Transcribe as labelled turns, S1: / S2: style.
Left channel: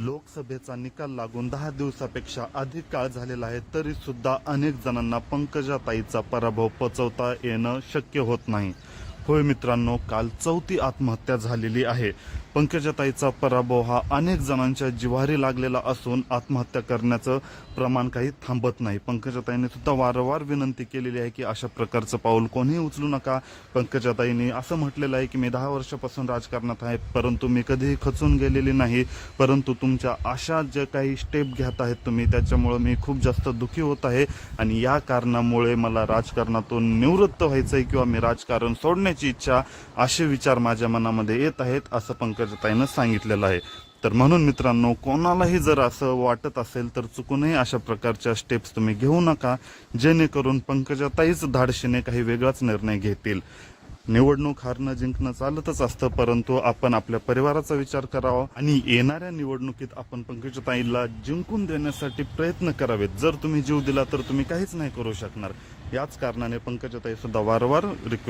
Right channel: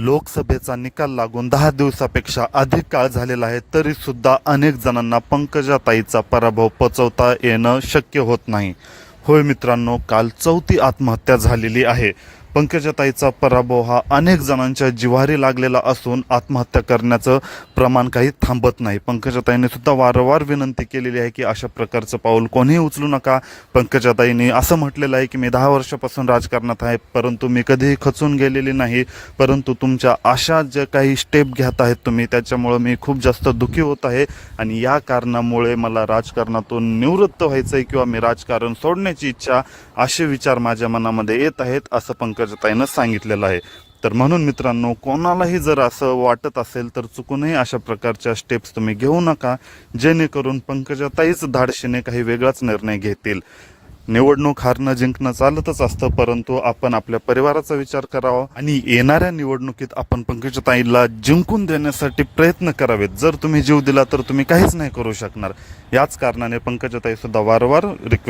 S1: लोकसभेचा निकाल लागून दहा दिवसापेक्षा अधिक काळ झालेला आहे तरी सुद्धा अनेक जणांना पंकजाताईचा पराभव पचवता येणं शक्य होत नाही. होय मित्रांनो काल चौथी आत्महत्या झालेली आहे. पंकजाताईचा पराभव हा अनेक जणांच्या जिव्हारी लागलेला असून आत्महत्या करण्याचं प्रमाण काही थांबत नाही. पंकजाताईने सुद्धा वारंवार विनंती केलेली आहे की अशा प्रकारचं पाऊल कोणीही उचलू नका. पंकजाताईने असं म्हटलेलं आहे की मी दहा वर्षापासून राजकारणात आहे परंतु मी कधीही खचून गेलेली नाही. परंतु तुमच्या अशा ज्या काही स्टेप घेत आहेत तुम्ही त्याच्यामुळं मी खूप जास्त दुःखी होत आहे. आणि या कारणामुळे मला राजकारणातून निवृत्त व्हायचं आहे किंवा मी राजकारण सोडण्याची इच्छा असे विचार माझ्या मनामध्ये येत आहेत असं पंकज पंकजाताईनं सांगितलेलं आहे. तर म्हणून मित्रांनो कोणालाही जर असं वाटत असेल तर चुकूनही अशा प्रकारच्या स्टेप्स तुम्ही घेऊ नका. जेणेकरून पंकजाताईच धाडशीने काही वेगळाच निर्णय घेतील. निवडणूक हारणं जिंकणं चालतच असतं परंतु आपण आपल्या परिवाराचा विचार करावा आणि येणाऱ्या निवडणुकीत आपण पंकजाताईला जिंकून देण्यासाठी प्रयत्न करावेत. जर तुम्ही जीव दिला तर तुम्ही काहीच नाही करू शकणार. याच कारणाने पंकजाताई सुद्धा वारंवार रिक्वेस्ट